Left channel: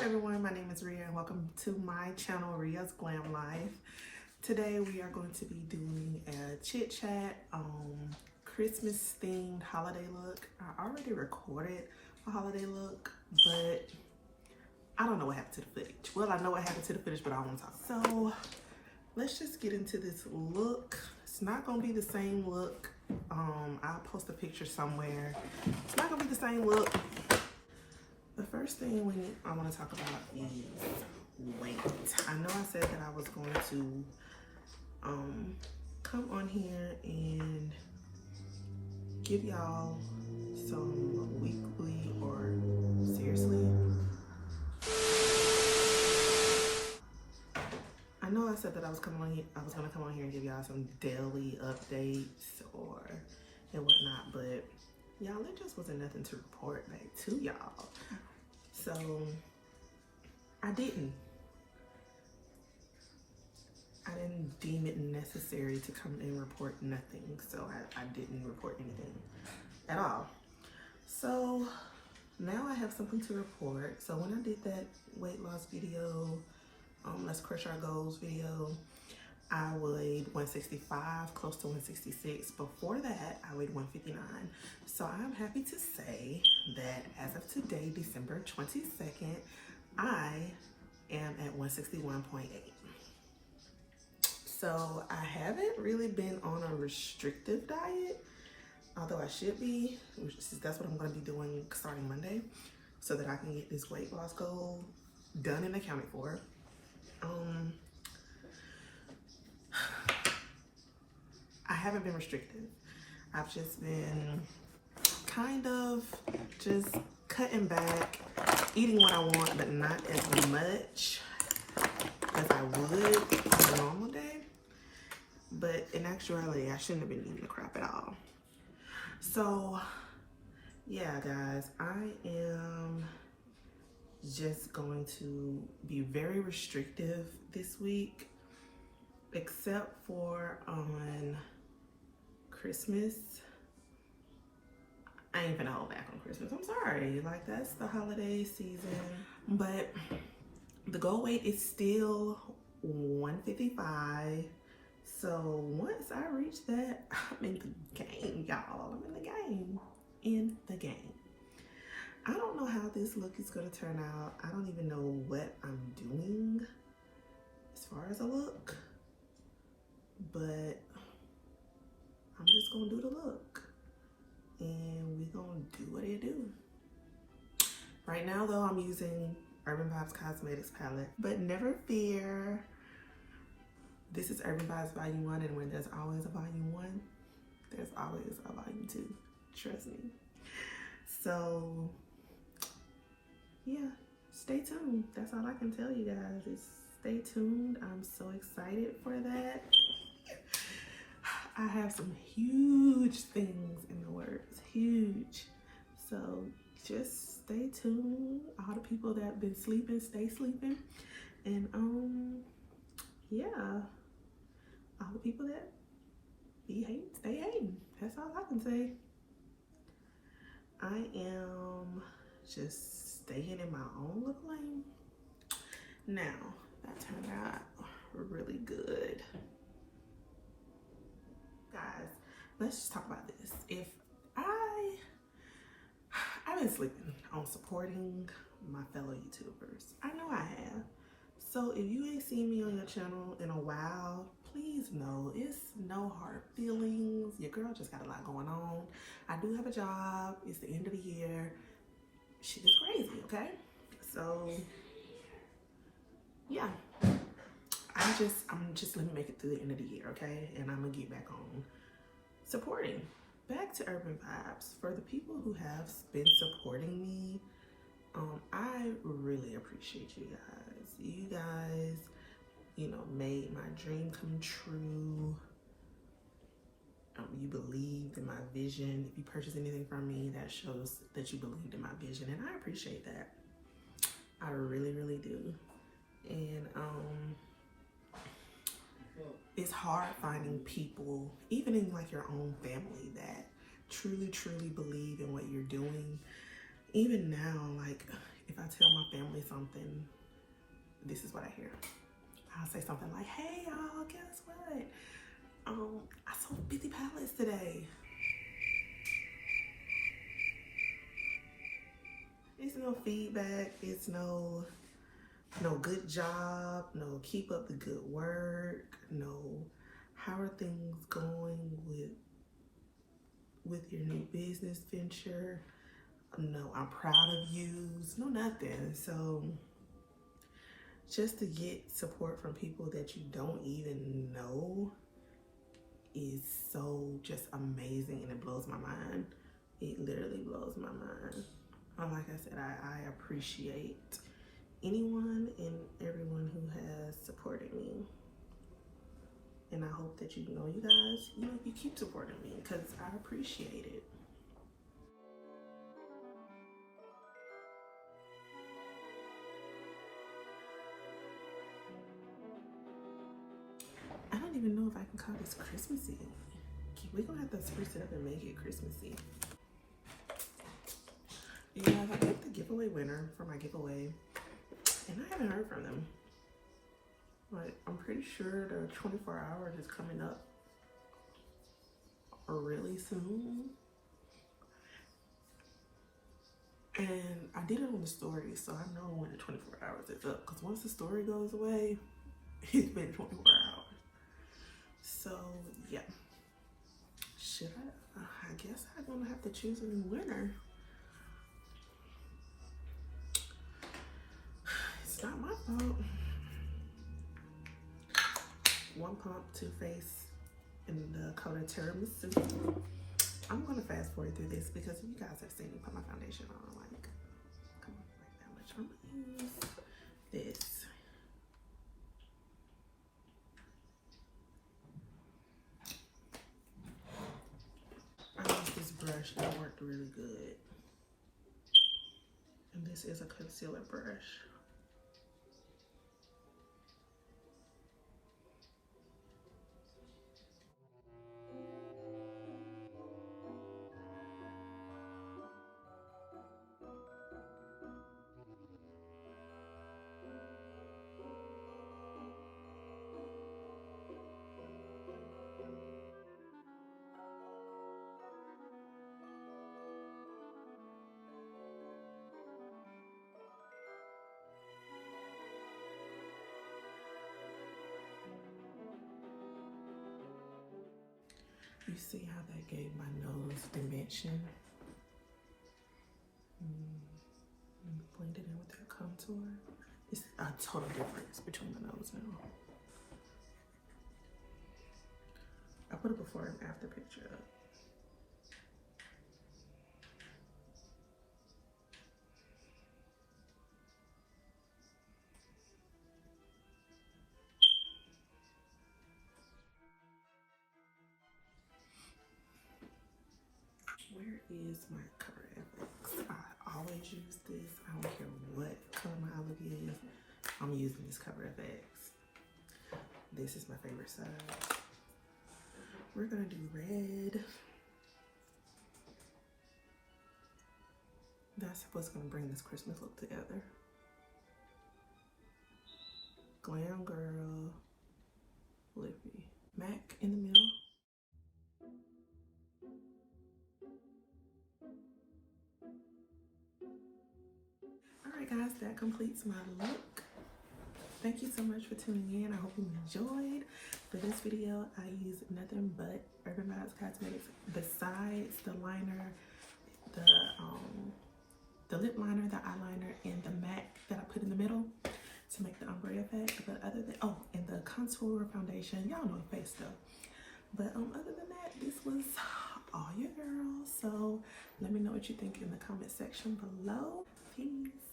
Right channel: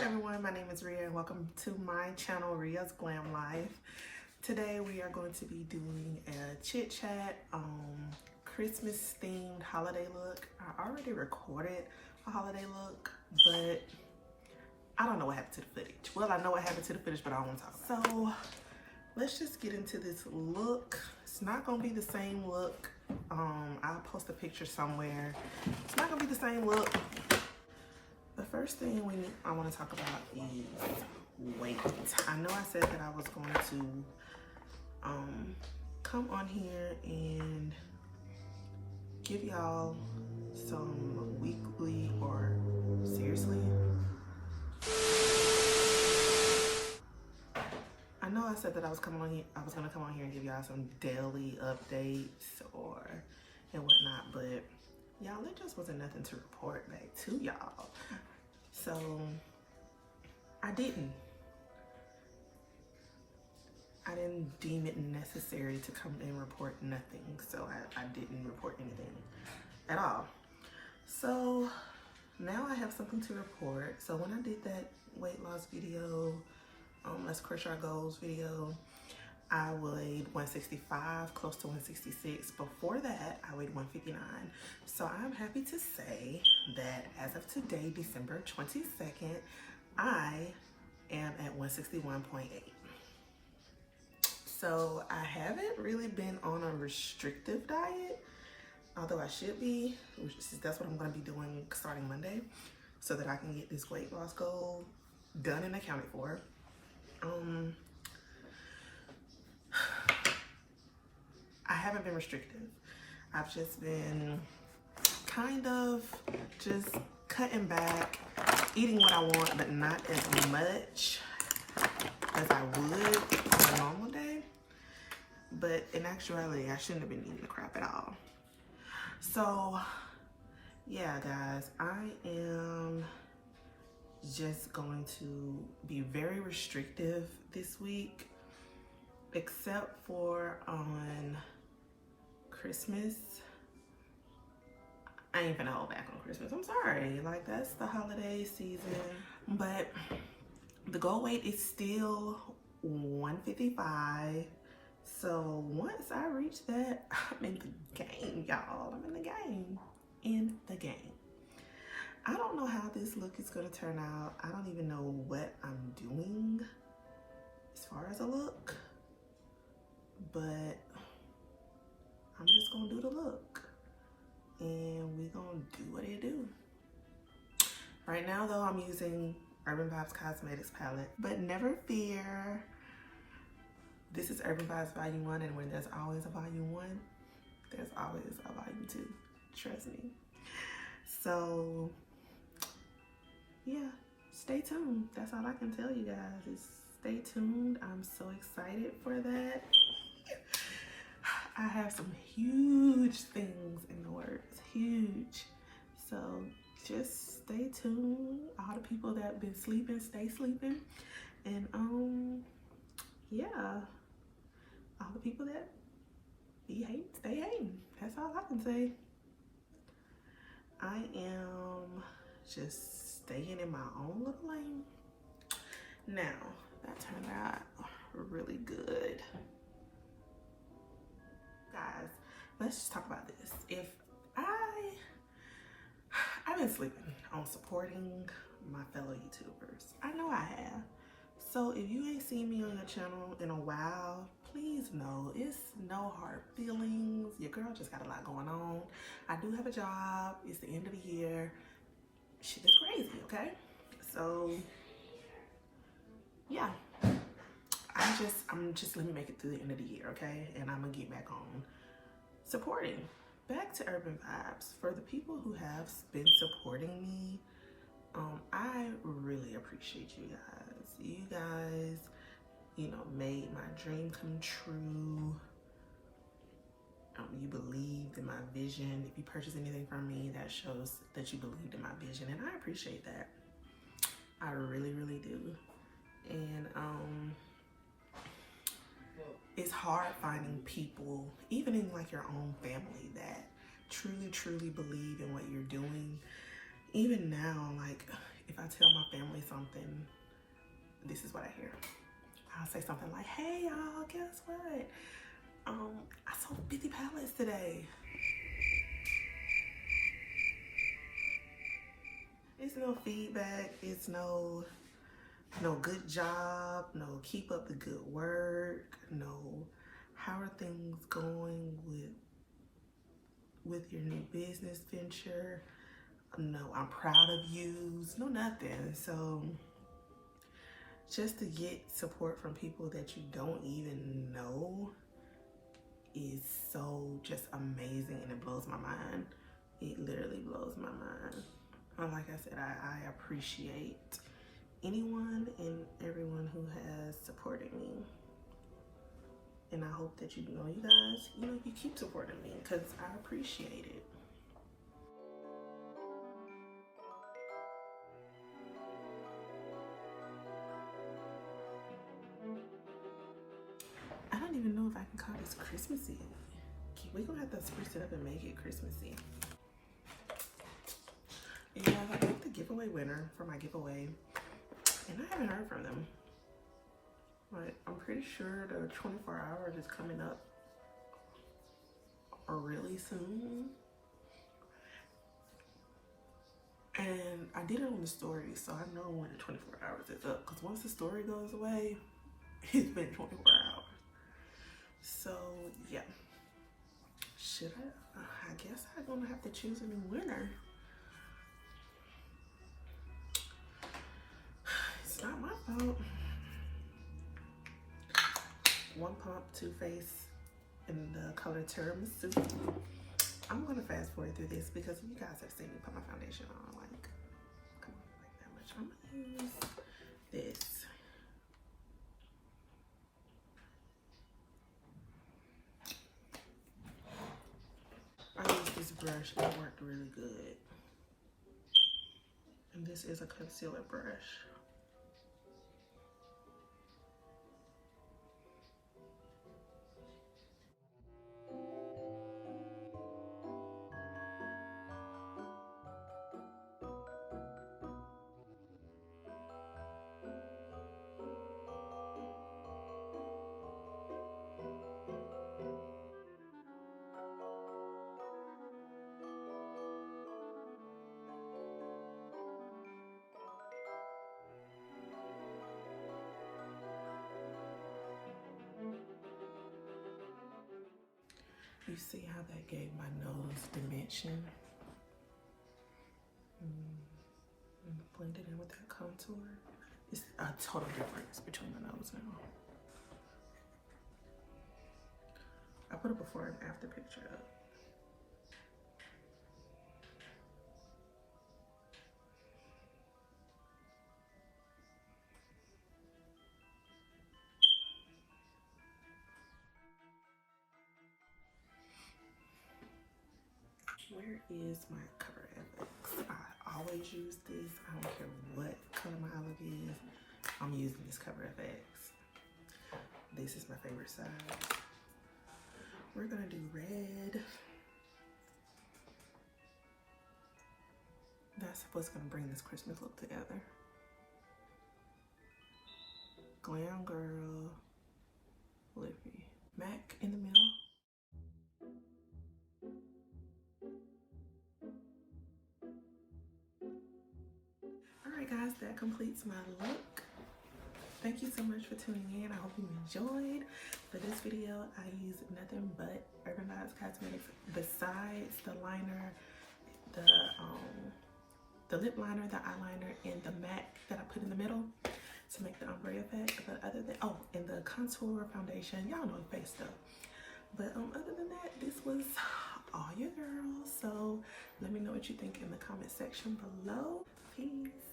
everyone, my name is Rhea and welcome to my channel, Rhea's Glam Life. Today we are going to be doing a chit chat Christmas themed holiday look. I already recorded a holiday look, but I don't know what happened to the footage. Well, I know what happened to the footage, but I don't want to talk about it. So let's just get into this look. It's not gonna be the same look. I'll post a picture somewhere. It's not gonna be the same look. The first thing I want to talk about is weight. I know I said that I was going to come on here and give y'all some weekly or seriously. I know I said that I was gonna come on here and give y'all some daily updates and whatnot, but y'all, there just wasn't nothing to report back to y'all. So I didn't deem it necessary to come and report nothing. So I didn't report anything at all. So now I have something to report. So when I did that weight loss video, Let's Crush Our Goals video, I weighed 165, close to 166. Before that, I weighed 159. So I'm happy to say that as of today, December 22nd, I am at 161.8. So I haven't really been on a restrictive diet, although I should be, that's what I'm gonna be doing starting Monday, so that I can get this weight loss goal done and accounted for. I haven't been restrictive. I've just been kind of just cutting back, eating what I want, but not as much as I would on a normal day. But in actuality, I shouldn't have been eating the crap at all. So yeah, guys, I am just going to be very restrictive this week, except for on Christmas. I ain't gonna hold back on Christmas. I'm sorry, like that's the holiday season. But the goal weight is still 155. So once I reach that, I'm in the game, y'all. I'm in the game. I don't know how this look is gonna turn out. I don't even know what I'm doing as far as a look, but I'm just gonna do the look and we gonna do what it do. Right now though, I'm using Urban Vibes Cosmetics palette, but never fear. This is Urban Vibes Volume 1, and when there's always a Volume 1, there's always a Volume 2, trust me. So yeah, stay tuned. That's all I can tell you guys is stay tuned. I'm so excited for that. I have some huge things in the works, huge. So just stay tuned. All the people that have been sleeping, stay sleeping. And yeah, all the people that be hating, stay hating. That's all I can say. I am just staying in my own little lane. Now, that turned out really good. Guys, let's just talk about this. If I've been sleeping on supporting my fellow YouTubers. I know I have. So if you ain't seen me on your channel in a while, please know it's no hard feelings. Your girl just got a lot going on. I do have a job. It's the end of the year. Shit is crazy, okay? So yeah. I'm just let me make it through the end of the year, okay? And I'm gonna get back on supporting. Back to Urban Vibes. For the people who have been supporting me, I really appreciate you guys. You guys, you know, made my dream come true. You believed in my vision. If you purchase anything from me, that shows that you believed in my vision, and I appreciate that. I really, really do. And it's hard finding people, even in like your own family, that truly believe in what you're doing. Even now, like, if I tell my family something, this is what I hear. I'll say something like, hey y'all, guess what? I sold 50 pallets today. It's no feedback, it's no good job, no keep up the good work, no how are things going with your new business venture, no I'm proud of you, no nothing. So just to get support from people that you don't even know is so just amazing, and it blows my mind. It literally blows my mind. Like I said, I appreciate anyone and everyone who has supported me. And I hope that you guys, you keep supporting me because I appreciate it. I don't even know if I can call this Christmassy. We're gonna have to spruce it up and make it Christmassy. You guys, I picked the giveaway winner for my giveaway, and I haven't heard from them. But I'm pretty sure the 24 hours is coming up really soon. And I did it on the story, so I know when the 24 hours is up. Because once the story goes away, it's been 24 hours. So, yeah. Should I guess I'm going to have to choose a new winner. It's not my fault. One Pump, Too Faced in the color Tiramisu. I'm gonna fast forward through this because you guys have seen me put my foundation on. Like, come on, like that much. I'm gonna use this. I used this brush that worked really good. And this is a concealer brush. You see how that gave my nose dimension? Blend it in with that contour. It's a total difference between my nose now. I put a before and after picture up. Where is my Cover FX? I always use this. I don't care what color my eye look is. I'm using this Cover FX. This is my favorite side. We're gonna do red. That's what's gonna bring this Christmas look together. Glam Girl, Lippy. MAC in the middle. Alright guys, that completes my look. Thank you so much for tuning in. I hope you enjoyed. For this video, I used nothing but Urban Vibes Cosmetics besides the liner, the lip liner, the eyeliner, and the MAC that I put in the middle to make the ombre effect. But other than, and the contour foundation, y'all know face stuff. But other than that, this was all your girl. So let me know what you think in the comment section below. Peace.